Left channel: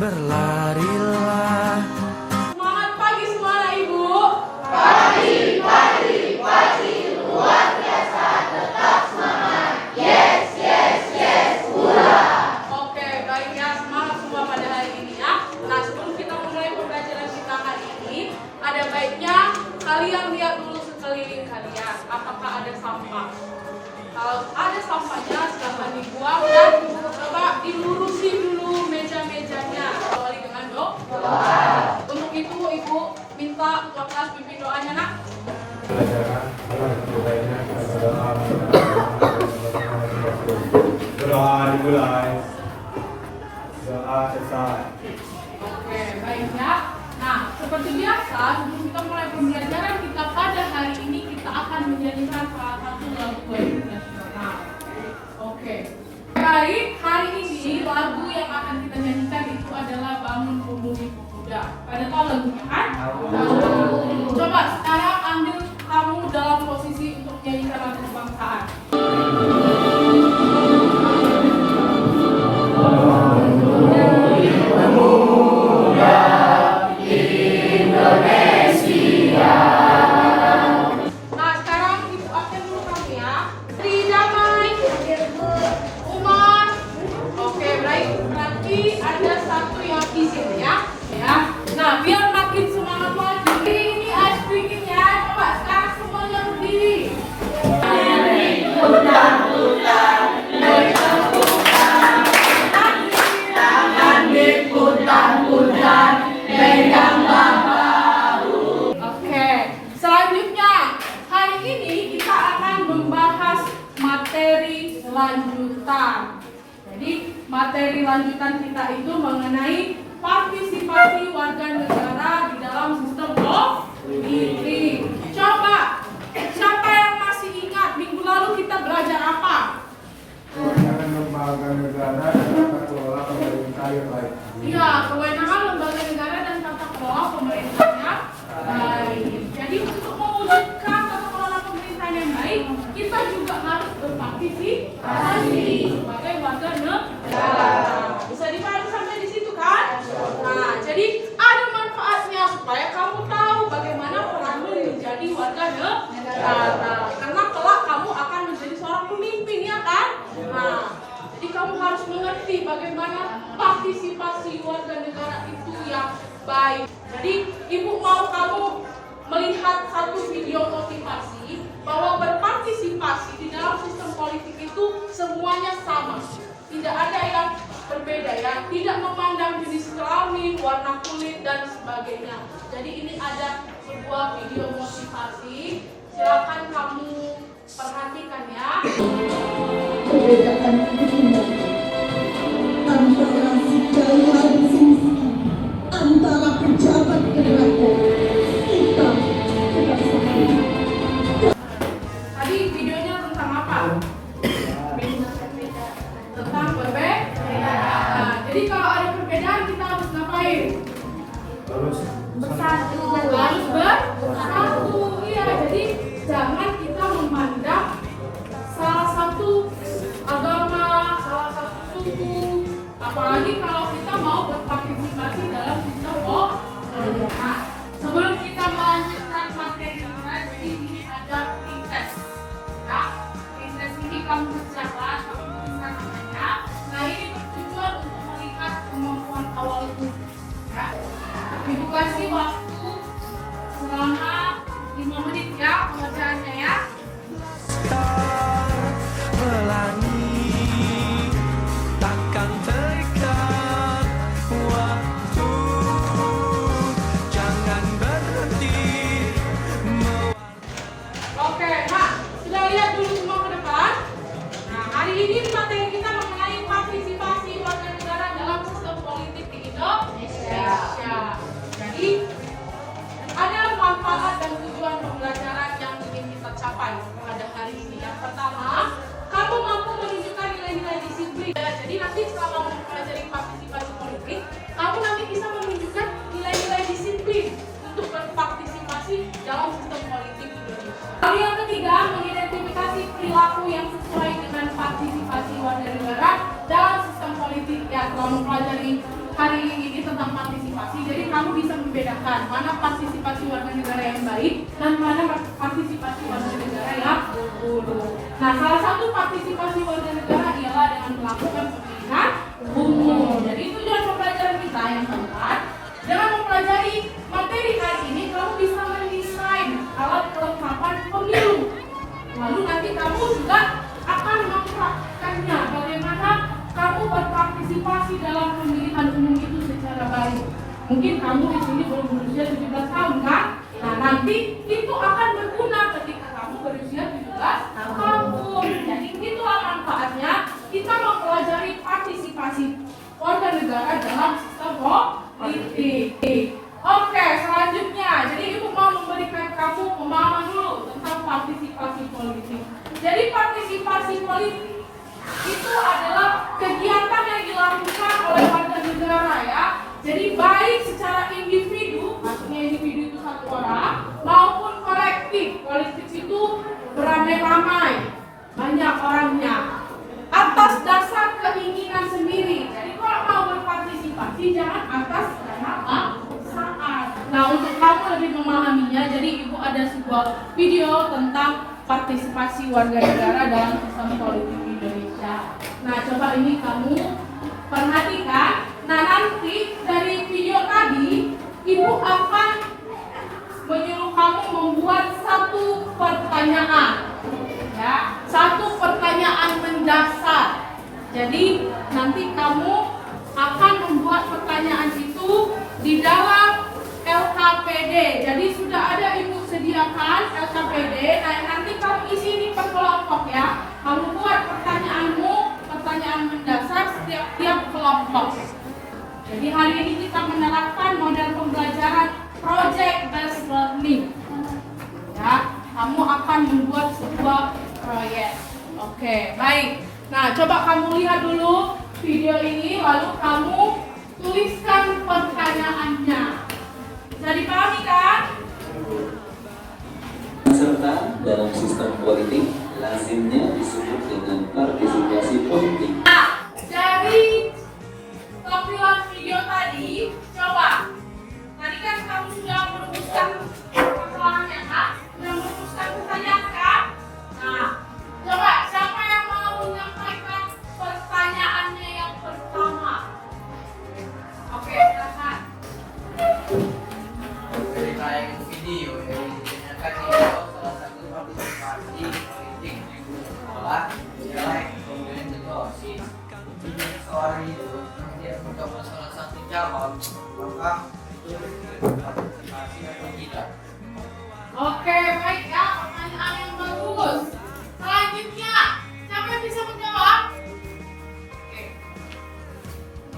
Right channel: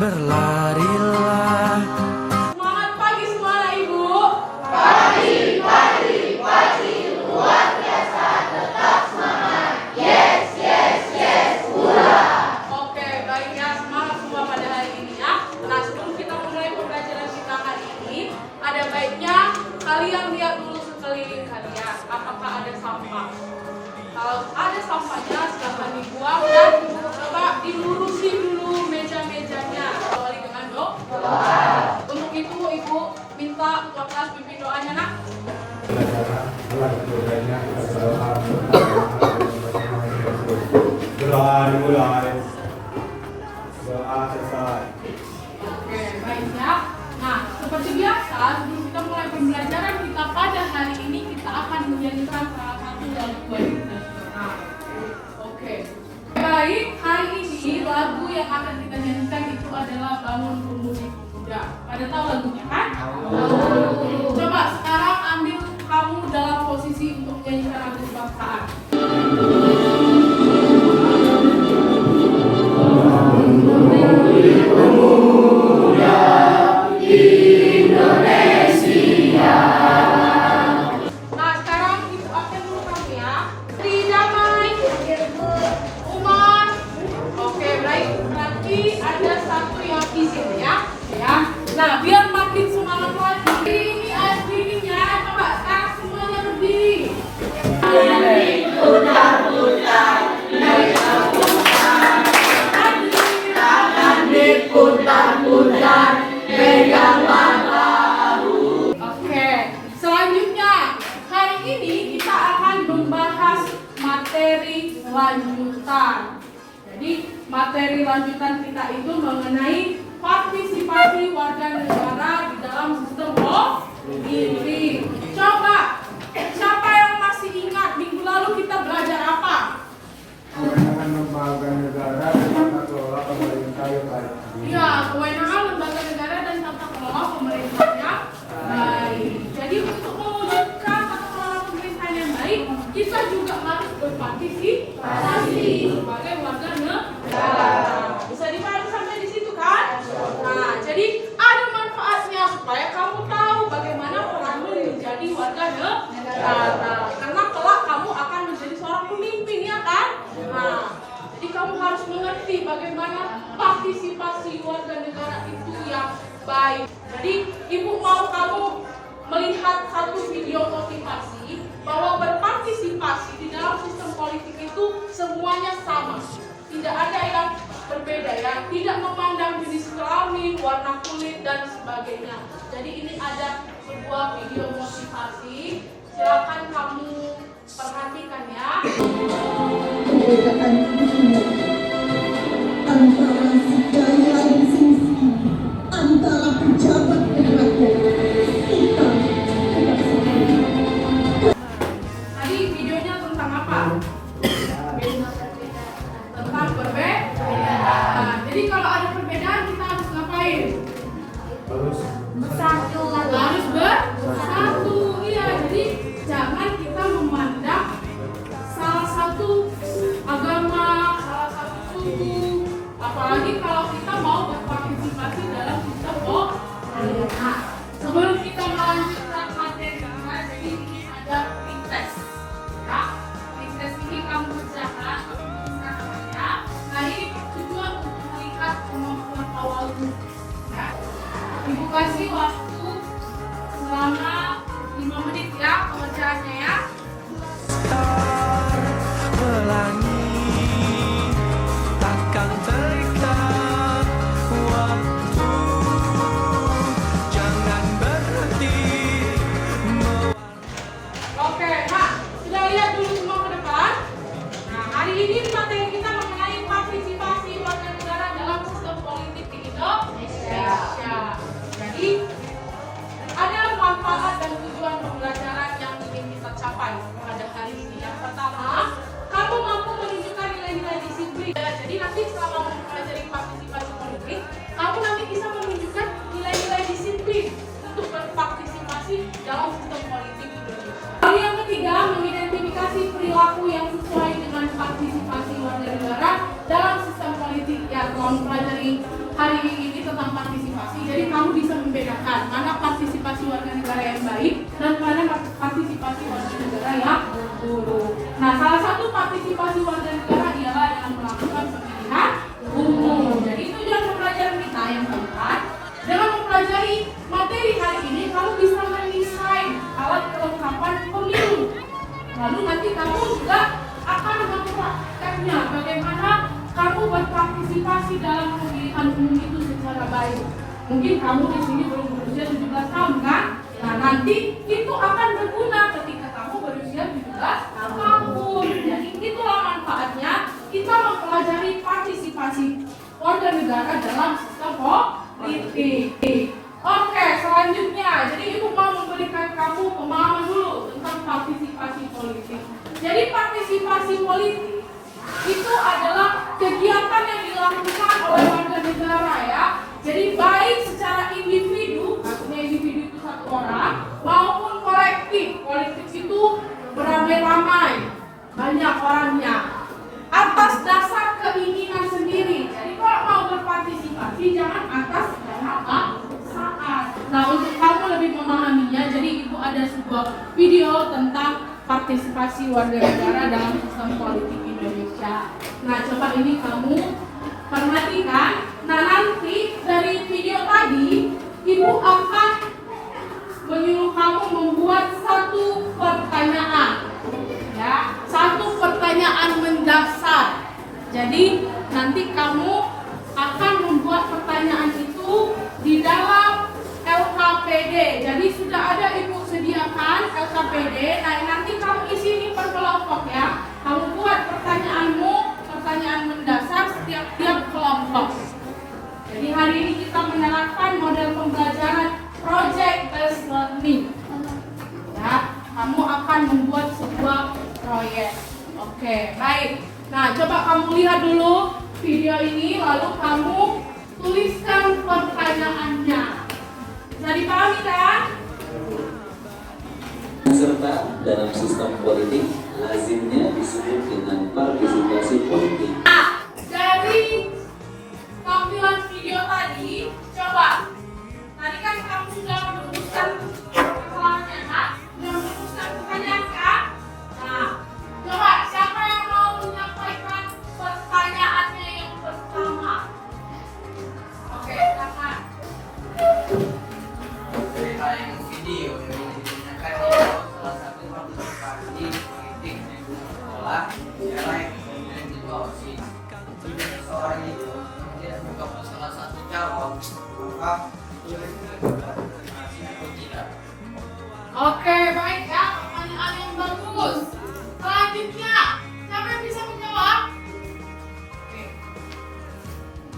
berlarilah. Semangat pagi semua Ibu. Pagi, pagi, pagi, luar biasa, tetap semangat. Yes, yes, yes, hurra. Oke, baik ya, semangat semua pada hari ini ya. Nah, sebelum kita mulai pembelajaran kita hari ini, ada baiknya kalian lihat dulu sekeliling kalian, apakah ada sampah. Kalau ada sampahnya, silahkan dibuang dan coba dilurusi dulu meja-mejanya. Awali dengan doa. Untuk itu, Ibu minta ketua kelas pimpin doanya, Nak. Doa selesai. Oke, baiknya. Nah, seperti biasa, sebelum kita mulai pembelajaran kita pada hari ini, kita akan menyanyikan salah satu lagu wajib nasional. Oke. Baik, hari ini lagu yang akan kita nyanyikan itu adalah Bangun Pemuda Muda. Pada tahu lagunya kan? Coba sekarang ambil kamu dalam posisi untuk menyanyikan lagu kebangsaan. Nah, sekarang Ibu absen dulu kamu ya. Tri Damai, Umar. Oke, baik. Berarti ada satu yang izin ya. Nah, biar makin semangat lagi. Ini ice creamnya. Coba sekarang semuanya berdiri. Oke, selanjutnya hari ini kita akan membahas materi lanjutan. Jadi materi lanjutan kita itu mengenai partisipasi warga negara di dalam sistem politik. Coba, siapa yang masih ingat minggu lalu kita belajar apa? Kewenangan lembaga negara dan tata kelola pemerintah yang baik. Iya, kewenangan lembaga negara dan tata kelola pemerintahnya baik. Jadi untuk mewujudkan tata kelola pemerintahan yang baik, kita juga harus berpartisipasi sebagai warga negara. Bisa dipahami sampai di situ kan? Nah, jadi ada manfaatnya supaya kamu tahu bagaimana peranmu menjadi warga negara. Karena kelak kamu akan menjadi seorang pemimpin ya kan? Nah, jadi kamu harus mengerti bagaimana partisipasi warga negara itu yang baik. Jadi Ibu mau kamu melihat satu video motivasi bahwa berpartisipasi di dalam sistem politik itu semuanya sama. Tidak ada yang berbeda ya, tidak memandang jenis kelamin, warna kulit dan sebagainya. Jadi ini ada sebuah video motivasi. Silakan kamu perhatikan ya. Perbedaan ini antara segala sisi antara pejabat dan rakyat kita tidak sama. Tadi videonya tentang apa? Tentang perbedaan. Jadi kalau ada perbedaan kita harus ngapain? Bersatu. Harus bersatu. Iya, jadi jangan kita memandang salah satu agama, salah satu suku, apalagi kalau kita mau berpartisipasi dalam sistem politik. Nah, sebelum kita melanjutkan materi kita, jadi ini ada tes. Ya, tes ini kamu kerjakan, bisa namanya. Nah, ini bertujuan untuk melihat kemampuan awalmu. Ya, Ibu kasih waktu selama 5 menit ya pengerjaannya ya. Pelangi takkan terikat waktu, jangan berhenti. Oke, nah sudah lihat dulu semua ke depan. Nah, hari ini materi kita mengenai partisipasi warga negara dalam sistem politik di Indonesia. Jadi ada manfaat dan tujuan pembelajaran yang ingin kita capai. mempelajari hari ini tentang partisipasi, jadi kamu bisa membedakan mana partisipasi warga negara yang baik dan mana partisipasi warga negara yang buruk. Nah, salah satu partisipasi warga negara ialah dengan melakukan pemilihan umum. Jadi tujuan pembelajaran kita yang keempat, dengan mempelajari materi hari ini kamu bisa mendesain alat kelengkapan pemilu. Lalu nanti kamu juga akan mempraktikkannya bagaimana kamu berpartisipasi dalam pemilihan umum itu secara baik. Mungkin kamu di sini belum berusia 17 tahun kan? Nah, nanti itu akan berguna ketika kamu berusia 17 tahun. Jadi itulah manfaatnya kita mempelajari partisipasi warga negara dalam sistem politik. Oke, selanjutnya, jadi ibu mau memberikan kamu pemahaman dulu tentang partisipasi politik. Jadi partisipasi politik itu adalah kegiatan yang dilakukan oleh warga negara ya. Jadi baik secara individu, maksudnya individu itu satu orang, maupun kolektif. Kolektif itu beramai-ramai, banyak orangnya, atas dasar keinginan sendiri. Jadi kalau mau berpartisipasi jangan atas dasar saat. Nah, untuk kamu lebih memahaminya, jadi ibu ada sebuah video tentang partisipasi warga negara dalam sistem politik Indonesia. Nah, coba ini kamu perhatikan. Nah, nanti dari video tadi ibu akan menyuruh kamu membuat satu pertanyaan, ya, satu pertanyaan mendasar. Jadi nanti kamu akan membuat pertanyaan itu di dalam LKPD. Jadi sudah ada ibu sediakan LKPD. Nah, nanti kamu isi ini per kelompok ya. Kamu buat pertanyaanmu, pertanyaan mendasar setiap kelompok. Jadi hari ini kita menerapkan model pembelajaran project based learning. Ya, kamu akan membuat sebuah proyek. Oke, baik. Nah, coba kamu lihat dulu video ini, lalu kamu tuliskan pertanyaannya. Bisa dipahami kan? Serta dalam sistem politik lazimnya disebut dengan partisipasi politik. Nah, dari tampilan video tadi, coba. Tadi kan kamu sudah merumuskan persoalannya, kan? Sudah merumuskan pertanyaan, kan? Nah, coba siapa yang mau menyampaikan pertanyaannya yang pertama? Oke, silakan. Tayang video yang digunakan di salah satu partisipasi politik adalah dialek kemudian juga OSIS. Jika seseorang itu tidak mendapat salah satu jawab, maka itu partisipasi atau tidak. Oke, baik ya, pertanyaan yang bagus. Selanjutnya, siapa yang bisa menjawab? Oke.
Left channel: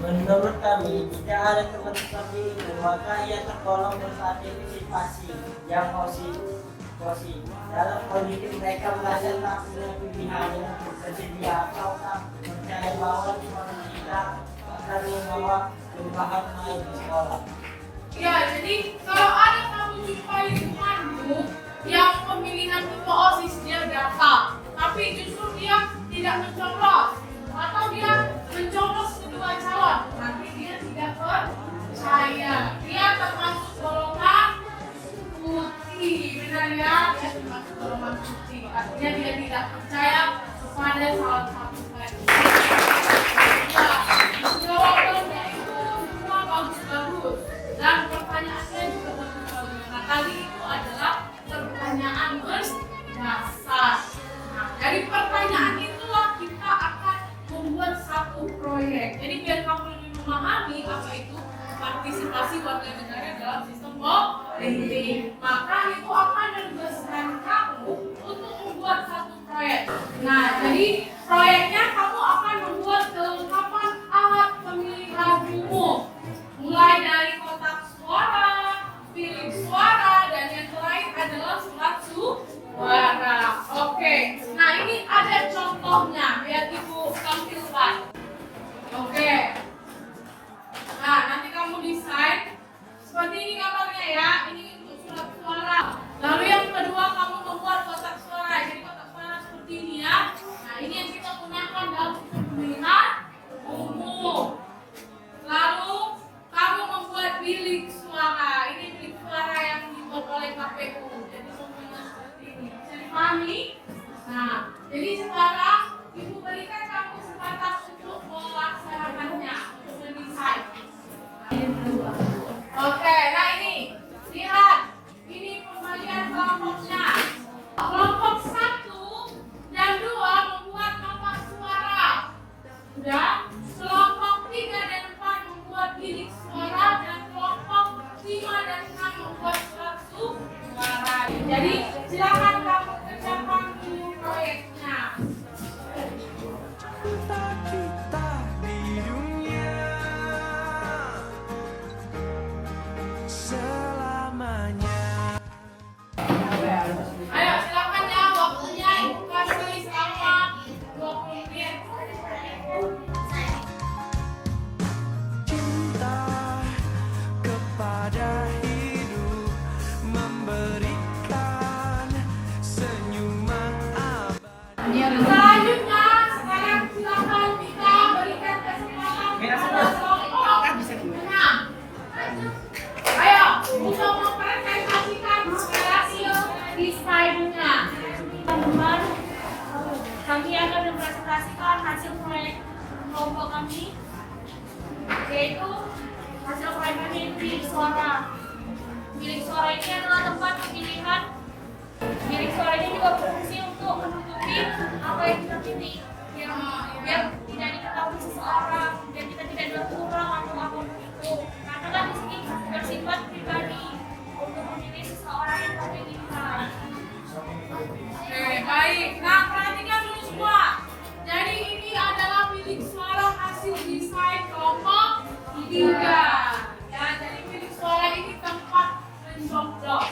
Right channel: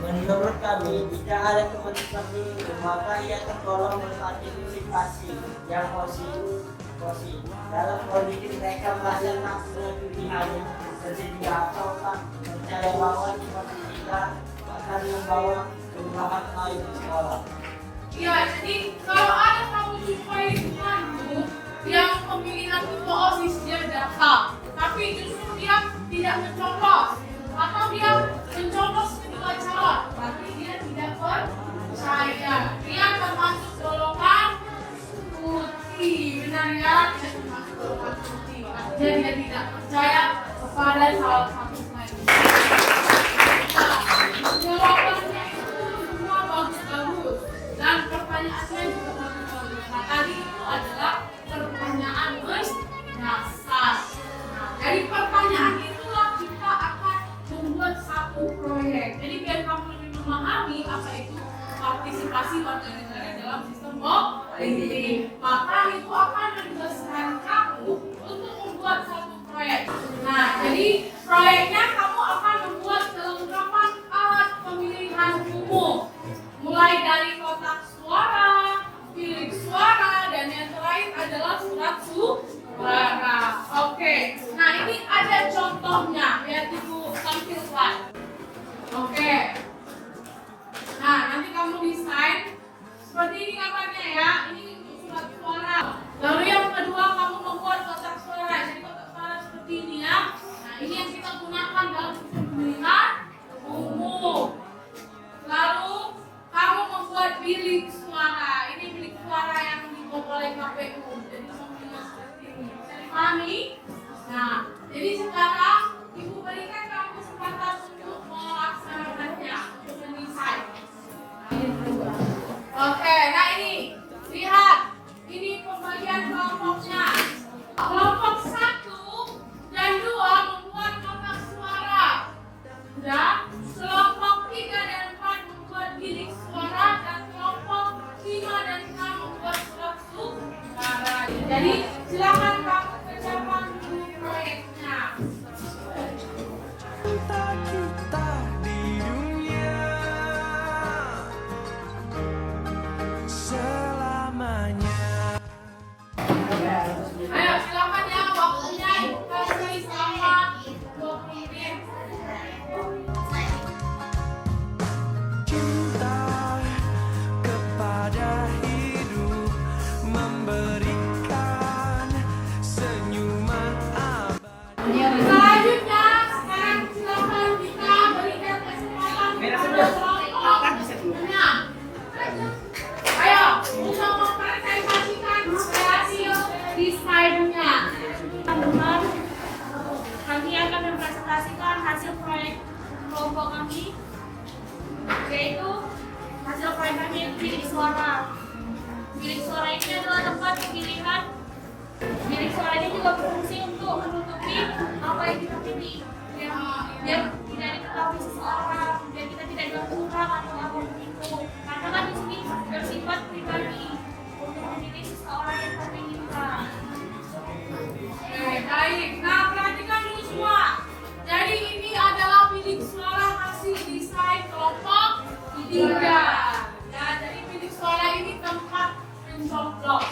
Menurut kami, jika ada kepentingan pemilu, maka ia tergolong berpartisipasi yang positif. Dalam politik mereka merasa tak punya pilihan yang tersedia atau tak percaya bahwa seperti tidak akan membawa perubahan lain di sekolah. Ya, jadi kalau ada kamu jumpai temanmu yang pemilihan ketua OSIS dia gagal, tapi justru dia tidak mencoblos atau dia mencoblos kedua calon, tapi dia tidak percaya. Dia termasuk golongan putih, benar ya? Dia termasuk golongan putih. Artinya dia tidak percaya kepada salah satu kandidat. Nah, jawabannya itu semua bagus-bagus dan pertanyaannya juga bagus-bagus. Nah, tadi itu adalah pertanyaan mendasar. Nah, dari pertanyaan itulah kita akan membuat satu proyek. Jadi biar kamu lebih memahami apa itu partisipasi warga negara dalam sistem politik, maka itu akan menugaskan kamu untuk membuat satu proyek. Nah, jadi proyeknya kamu akan membuat kelengkapan alat pemilihan umum, mulai dari kotak suara, bilik suara, dan yang terakhir adalah surat suara. Oke, nah ini ada contohnya, biar ibu tampilkan. Oke, nah nanti kamu desain seperti ini gambarnya ya. Ini untuk surat suara. Lalu yang kedua kamu membuat kotak suara. Jadi kotak suara seperti ini ya. Nah ini yang kita gunakan dalam pemilihan umum. Oke, nah ini lihat, ini pembagian kelompoknya. Kelompok 1 dan 2 membuat kotak suara. Udah, kelompok 3 dan 4 membuat bilik suara, dan kelompok 5 dan 6 membuat surat suara. Jadi silakan kamu kerjakan dulu proyeknya. Cinta kita di dunia selamanya. Ayo silakan ya, waktunya ibu kasih selama 20 menit. Cinta kepada hidup memberikan senyuman abadi. Selanjutnya, sekarang silakan kita berikan kesempatan kepada kelompok 6. Ayo, untuk mempresentasikan hasil desainnya. Teman-teman, kami akan mempresentasikan hasil proyek kelompok kami, yaitu hasil proyek kami yaitu bilik suara. Bilik suara ini adalah tempat pemilihan. Bilik suara ini juga berfungsi untuk menutupi apa yang kita pilih, biar tidak diketahui seseorang, biar kita tidak dibuat kurang atau apapun itu. Karena kan di sini bersifat pribadi untuk memilih seseorang yang kita inginkan. Oke, baik. Nah, perhatikan dulu semua. Jadi ini adalah bilik suara hasil desain kelompok 3. Ya, jadi bilik suara ini tempat mencoblos.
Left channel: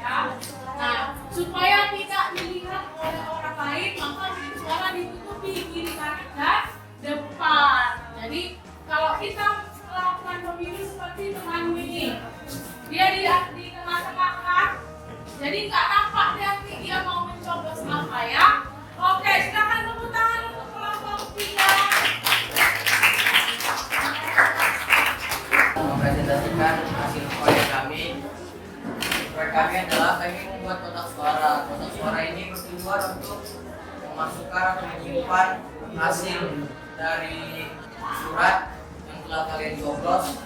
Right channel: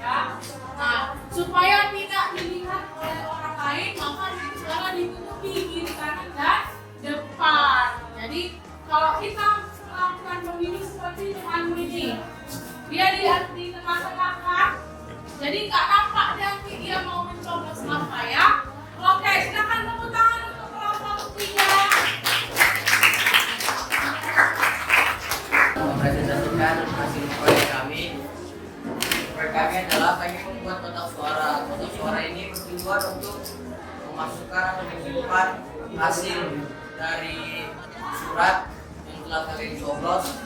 Ya. Nah, supaya tidak dilihat oleh orang lain, maka bilik suara ditutupi kiri kanan dan depan. Jadi kalau kita melakukan pemilih seperti teman ini, dia di tengah-tengah kan, jadi nggak nampak nanti dia mau mencoblos apa ya. Oke, silakan tepuk tangan untuk kelompok 3. Mempresentasikan hasil proyek kami. Proyek kami adalah kami membuat kotak suara. Kotak suara ini bertujuan untuk memasukkan atau menyimpan hasil dari surat yang telah kalian coblos.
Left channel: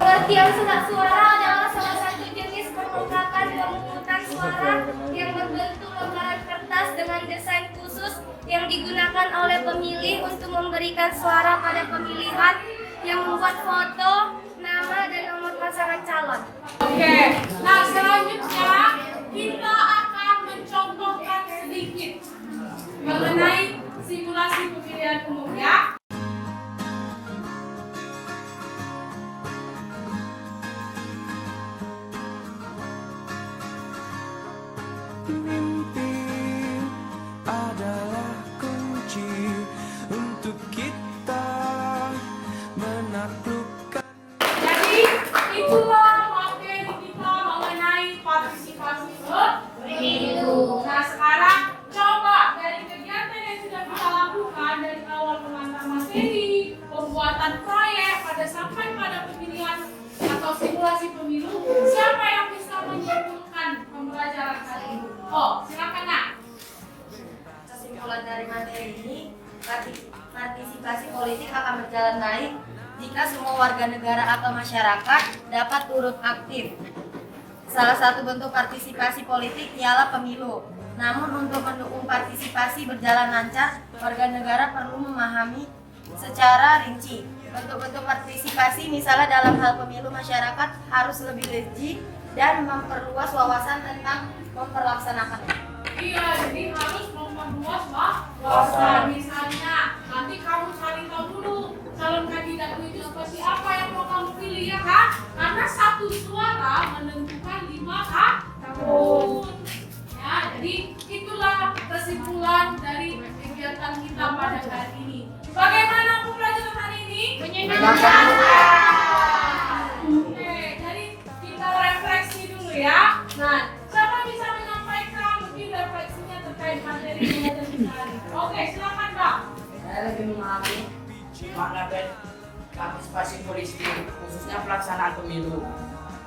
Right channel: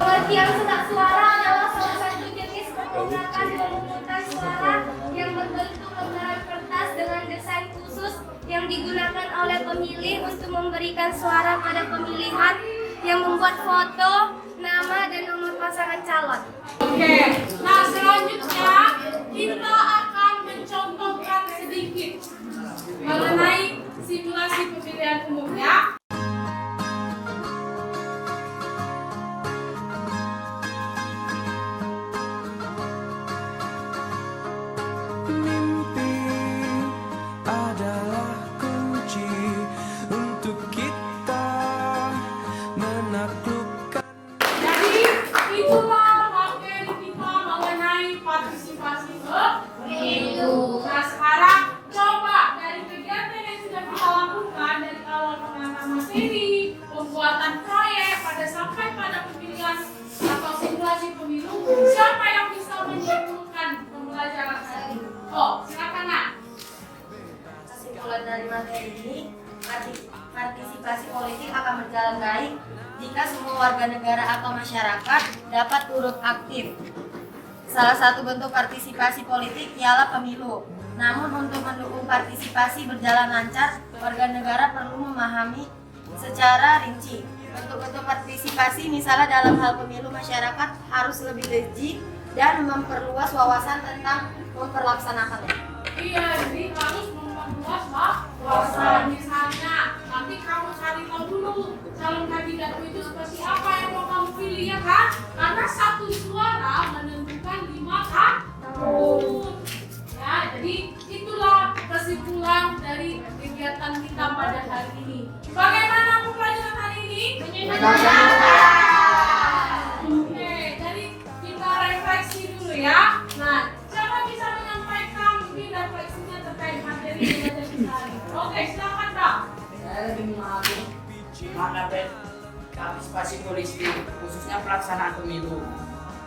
Pengertian surat suara adalah salah satu jenis percetakan dan pemungutan suara yang berbentuk lembaran kertas dengan desain khusus yang digunakan oleh pemilih untuk memberikan suara pada pemilihan, yang membuat foto, nama, dan nomor pasangan calon. Oke, nah selanjutnya kita akan mencontohkan sedikit mengenai simulasi pemilihan umum ya. Mimpi adalah kunci untuk kita menaklukkan. Jadi itulah materi kita mengenai partisipasi pemilu. Nah sekarang coba dari kegiatan yang sudah kita lakukan dari awal pengantar materi, pembuatan proyek, sampai pada pemilihan atau simulasi pemilu, siapa yang bisa menyimpulkan pembelajaran hari ini? Oh, silakan Nak. Kesimpulan dari materi ini, partisipasi politik akan berjalan baik jika semua warga negara atau masyarakat dapat turut aktif. Salah satu bentuk partisipasi politik ialah pemilu. Namun untuk mendukung partisipasi berjalan lancar, warga negara perlu memahami secara rinci. Bentuk-bentuk partisipasi misalnya dalam hal pemilu, masyarakat harus lebih lejit dan memperluas wawasan tentang memperlaksanakannya. Iya, jadi harus memperluas wawasan. Misalnya, nanti kamu cari tahu dulu calon kandidat itu seperti apa yang mau kamu pilih ya kan? Karena satu suara menentukan 5 tahun. Ya, jadi itulah kesimpulan dari kegiatan kita pada hari ini. Bagaimana pembelajaran hari ini? Menyenangkan. Oke, jadi kita refleksi dulu ya. Nah, siapa bisa menyampaikan mungkin refleksinya terkait materi pembelajaran kita hari ini? Oke, silakan Pak. Saya lebih memahami makna partisipasi politik, khususnya pelaksanaan pemilu.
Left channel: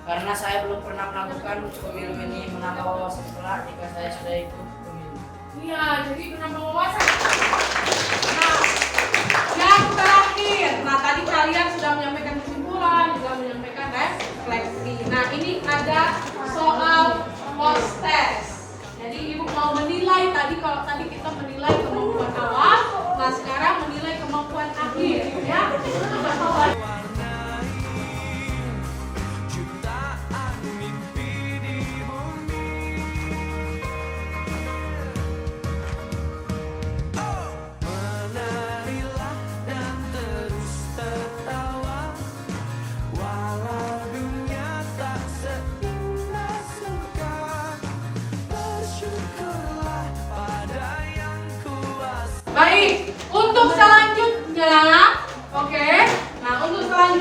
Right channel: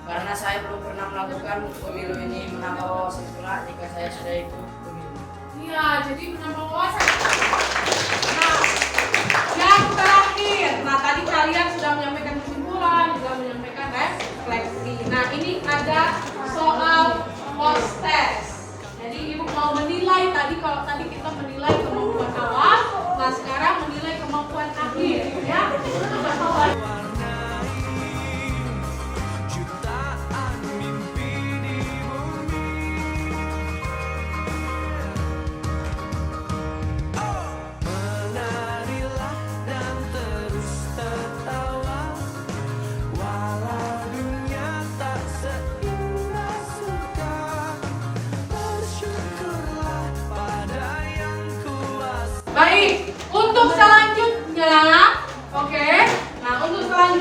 Karena saya belum pernah melakukan pemilu ini, menambah wawasan pula jika saya sudah ikut pemilu. Iya, jadi menambah wawasan. Nah, yang terakhir, tadi kalian sudah menyampaikan kesimpulan, juga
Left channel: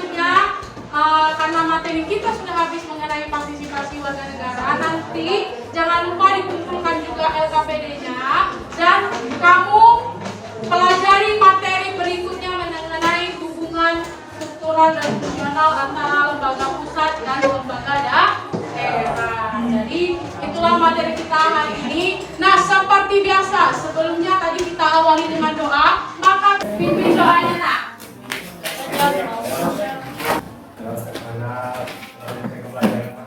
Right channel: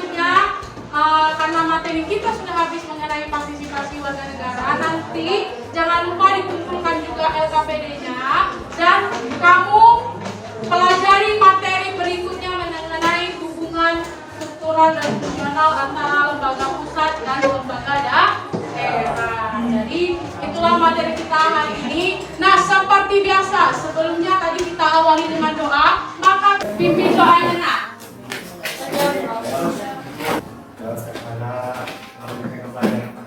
selanjutnya, karena materi kita sudah habis mengenai partisipasi warga negara, nanti jangan lupa dikumpulkan juga LKPD-nya dan kamu pelajari materi berikutnya mengenai hubungan struktural dan fungsional antara lembaga pusat dan lembaga daerah. Jadi itulah materi kita hari ini. Nah, seperti biasa, sebelumnya tadi kita awali dengan doa, maka pimpin doanya nak.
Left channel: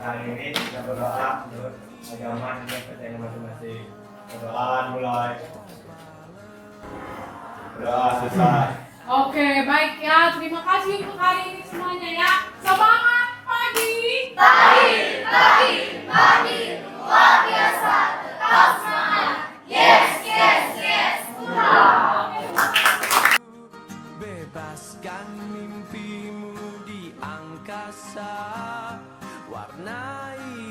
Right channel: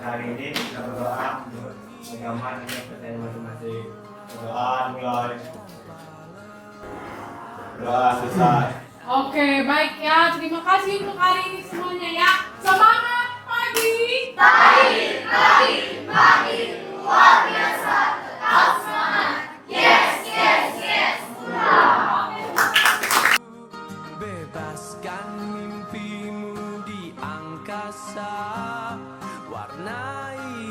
Hari ini kita berdoa untuk agama dan percaya masing-masing. Berdoa mulai. Berdoa selesai. Oke, baik ya. Terima kasih untuk hari ini semuanya ya. Semangat pagi. Pagi, luar biasa, tetap semangat. Yes, yes, yes, Bebaskan mimpimu di angkasa, warnai